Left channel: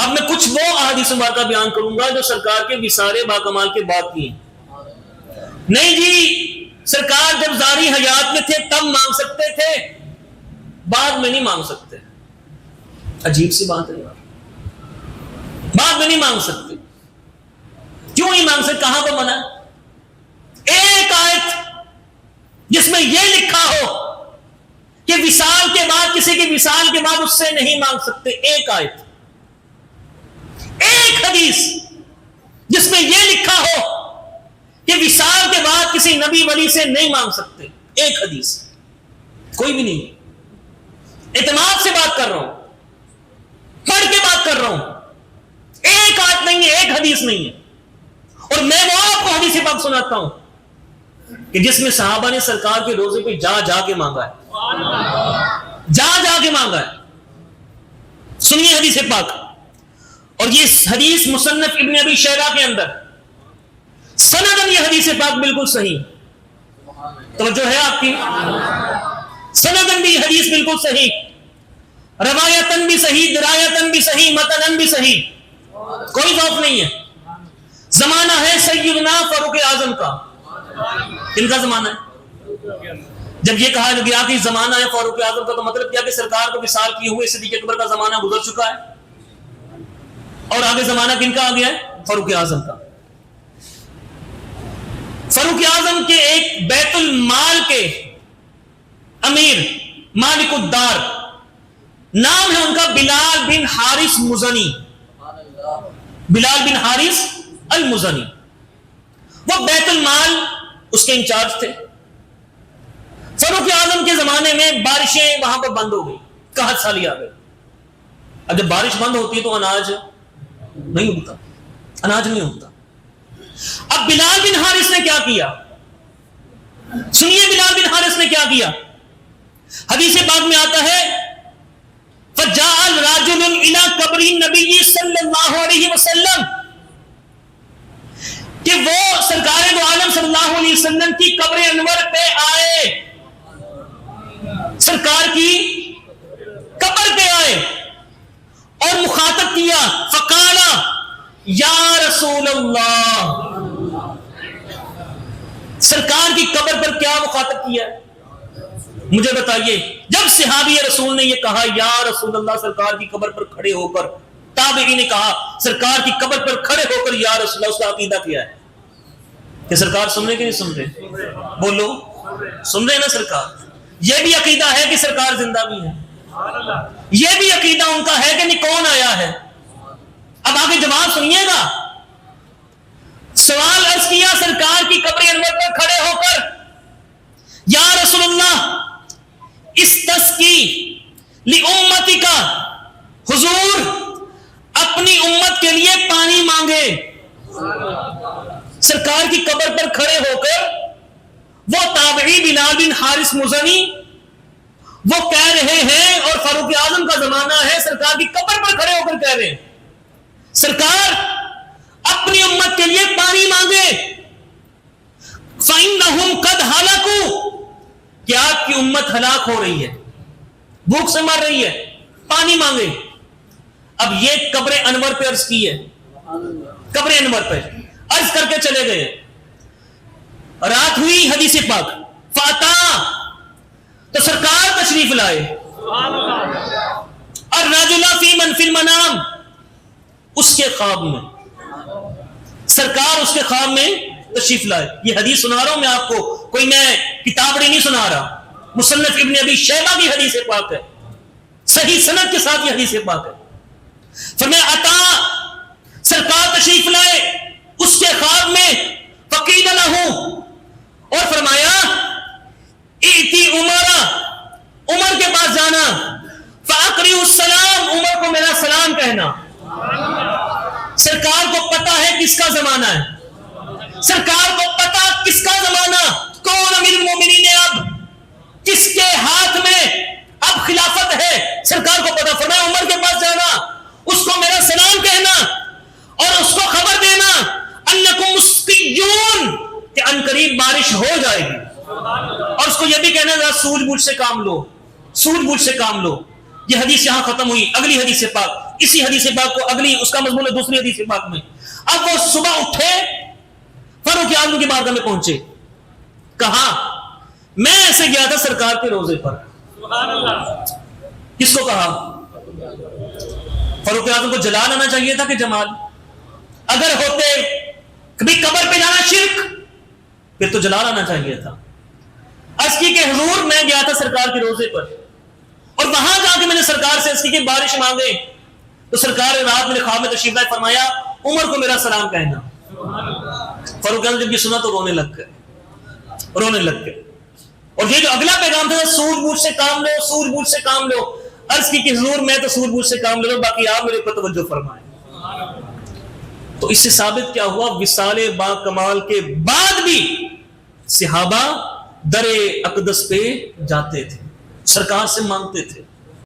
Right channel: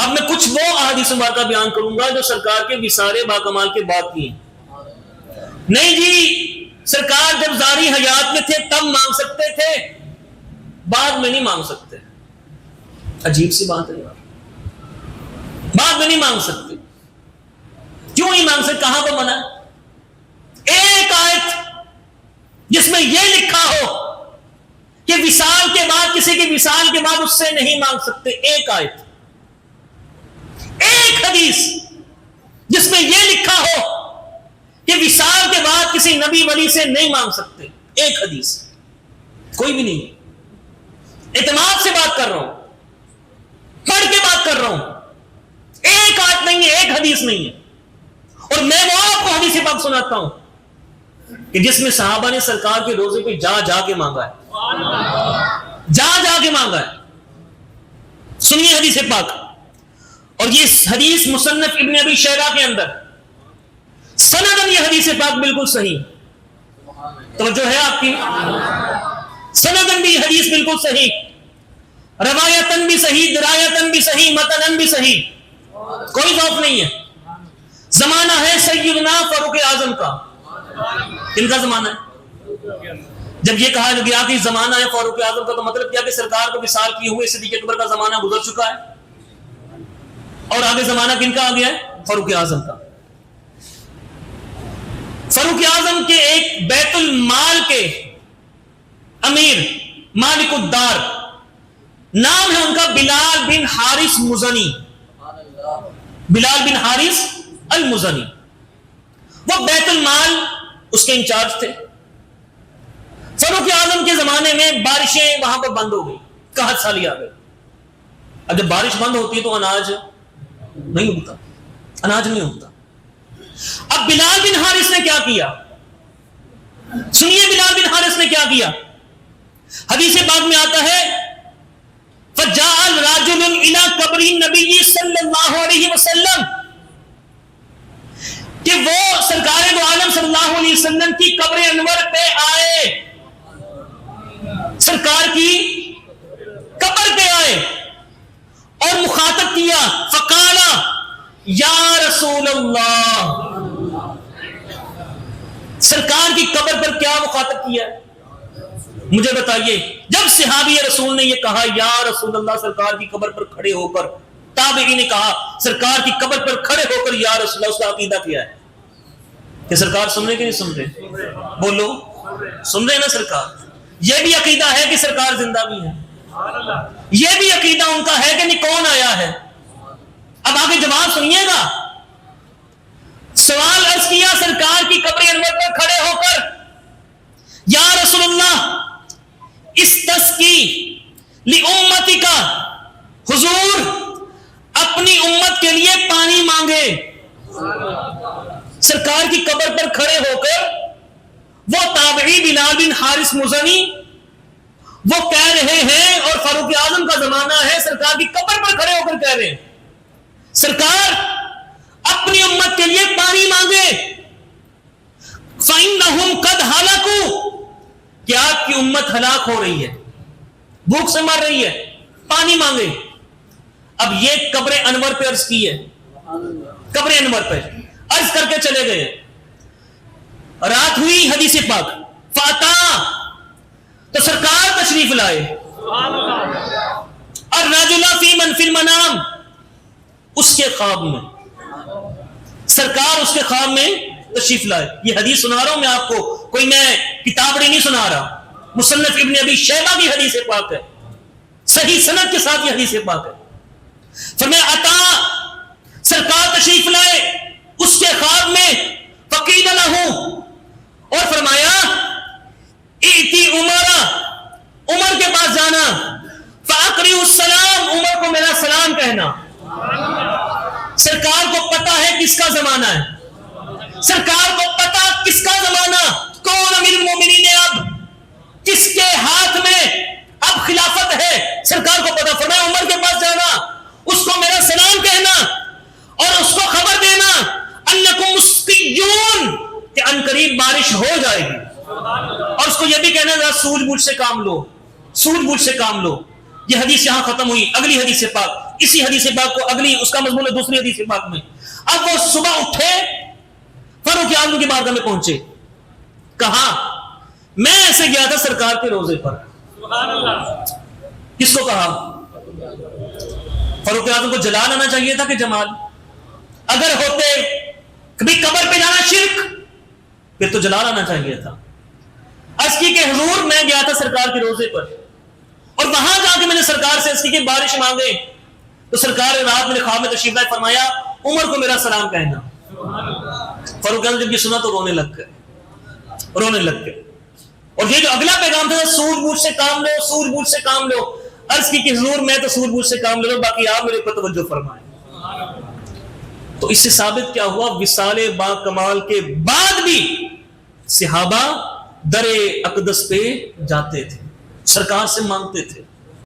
اب میں کچھ وہ احادیث مبارکہ بیان کروں گا جو سرکار کے وصال باکمال کے بعد کی ہیں۔ نہیں جی، سرکار جب ظاہری حیات میں تھے تب مانگ سکتے تھے، بعد میں نہیں مانگ سکتے۔ عجیب سی بات ہے، بعد میں نہیں مانگ سکتے۔ کیوں نہیں مانگ سکتے؟ کہاں پر منع؟ ایک آیت جس میں یہ لکھا ہو کہ وصال کے بعد، کسی کی وصال کے بعد اس سے نہیں مانگ سکتے، ایک آیت، ایک حدیث جس میں یہ لکھا ہو کہ وصال کے بعد کسی نبی ولی سے نہیں مانگ سکتے، ایک حدیث، کوئی بھی نہیں ہے۔ اعتماد سے بات کر رہا ہوں، پڑھ کے بات کر رہا ہوں، ایک آیت نہیں ہے، ایک حدیث نہیں ہے۔ اور میں وہ آپ کو حدیث پاک سناتا ہوں کہ جس میں صحابہ نے سرکار کی روزی پہ جا جا کے مانگا ہے، جا جا کے مانگا ہے۔ سنیے حدیث پاک، اور یہ حدیث مصنف ابن ابی شیبہ کے اندر سندن یہ حدیث پاک بالکل صحیح، توجہ ہے آپ کی، سندن بھی حدیث بالکل صحیح، روایتن بھی صحیح، درایتن بھی صحیح، متنن بھی صحیح، کوئی ضعف نہیں ہے۔ زمانہ ہے سیدنا فاروق اعظم کا، ان کا زمانہ ہے۔ جب یہ کہا گیا کہ زمانہ ہے فاروق اعظم کا، تو مطلب کیا کہ سرکار کو وصال کیے ہوئے صدیق اکبر کا زمانہ گزر چکا ہے، اور آگے زمانہ کن کا آ گیا ہے؟ فاروق اعظم کا۔ فاروق اعظم کے ایک بیت المال کے امیر مالک الدار، نام ہے ان کا بلال بن حارث مزنی، بلال بن حارث المزنی، وہ بیت المال اس کے انچارج تھے۔ فاروق اعظم کے زمانے میں بارشیں وہاں پر بند ہو گئی، قحط سالی آ گئی۔ اب جب بارش بند ہوتی ہے تو اناج نہیں اگتا، اناج نہیں اگتا۔ اب بلال بن حارث نے کیا کیا؟ سنیے بلال بن حارث نے کیا کیا۔ حدیث پاک میں آتا ہے فجاء الرجل الى قبر النبی صلی اللہ علیہ وسلم، کہ وہ سرکار دو عالم صلی اللہ علیہ وسلم کی قبر انور پہ آئے، سرکار کی قبر پہ آئے اور مخاطب کیا، فقال یا رسول اللہ، سرکار کی قبر پر کیا مخاطب کیا؟ مجھے بتائیے، جب صحابی رسول نے یہ کہا یا رسول اللہ، سرکار کی قبر پر کھڑے ہو کر تابعی نے کہا سرکار کی قبر پر کھڑے ہو کر یا رسول اللہ، اس کا عقیدہ کیا ہے؟ کہ سرکار سن رہے کہ نہیں سن رہے؟ بولو، سن رہے نا سرکار؟ یہ بھی عقیدہ ہے کہ سرکار زندہ بھی ہے، یہ بھی عقیدہ ان کا ہے کہ نہیں کون آیا ہے؟ اب آگے جواب سنیے گا۔ سوال عرض کیا سرکار کی قبر انور پر کھڑے ہو کر، یا رسول اللہ استسقی لأمتک، حضور اپنی امت کے لیے پانی مانگے۔ سرکار کی قبر پر کھڑے ہو کر وہ تابعی بلال بن حارث مزنی وہ کہہ رہے ہیں، اور فاروق اعظم کا زمانہ ہے، سرکار کی قبر پر کھڑے ہو کر کہہ رہے ہیں سرکار اپنی امت کے لیے پانی مانگے، فَإِنَّهُمْ قَدْ هَلَكُوا، کہ آپ کی امت ہلاک ہو رہی ہے، بھوک سے مر رہی ہے، پانی مانگے۔ اب یہ قبر انور پہ عرض کی ہے، قبر انور پہ عرض کر کے چلے گئے۔ رات ہوئی، حدیث پاک فاتا، تو سرکار تشریف لائے، الرجل فی من فی المنام، اس کے خواب میں، سرکار اس کے خواب میں تشریف لائے۔ یہ حدیث سنا رہا ہوں میں آپ کو، کوئی میں کتابڑی نہیں سنا رہا، مصنف ابن ابی شیبہ کی حدیث پاک ہے، صحیح سند کے ساتھ یہ حدیث پاک ہے۔ فرمایا عطا، سرکار تشریف لائے اس کے خواب میں، فقیل لہ، اور فرمایا ایتی عمرہ، عمر کے پاس جانا، فاقرئ السلام، عمر کو میرا سلام کہنا۔ سرکار کو پتا ہے کس کا زمانہ ہے، سرکار کو پتا کس کا زمانہ، کون امیر المومنین ہے، اب کس کے ہاتھ میں اب خلافت ہے، سرکار کو پتا۔ فرمایا عمر کے پاس جانا، اس کو میرا سلام کہنا، اور اس کو خبر دینا انکم مسقیون، کہ ان قریب بارش ہو جائے گی، اور اس کو یہ بھی کہنا ہے سوجھ بوجھ سے کام لو، سوجھ بوجھ سے کام لو۔ یہ حدیث یہاں ختم ہوئی۔ اگلی حدیث پاک اسی حدیث پاک کو اگلی اس کا مضمون ہے دوسری حدیث پاک میں. اب وہ صبح اٹھے فاروق اعظم کی بارگاہ میں پہنچے, کہا میں ایسے گیا تھا سرکار کے روزے پر. سبحان اللہ. کس کو کہا؟ فاروق اعظم کو جلال آنا چاہیے تھا کہ جمال؟ اگر ہوتے کبھی قبر پہ جانا شرک, پھر تو جلال آنا چاہیے تھا. عرض کہ حضور میں گیا تھا سرکار کے روزے پر, اور وہاں جا کے میں نے سرکار سے عرض کی بارش مانگے, تو سرکار اور آپ نے خواب میں تشریف لائے, فرمایا عمر کو میرا سلام کہنا. اور یہ جو اگلا پیغام تھا سوجھ بوجھ سے کام لو, سوجھ بوجھ سے کام لو. عرض کی کہ حضور میں تو سوجھ بوجھ سے کام لے لو, باقی آپ میرے پر توجہ فرمائیں. تو اس سے ثابت کیا ہوا؟ وصال با کمال کے بعد بھی صحابہ در اقدس پہ جاتے تھے, سرکار سے مانگتے تھے.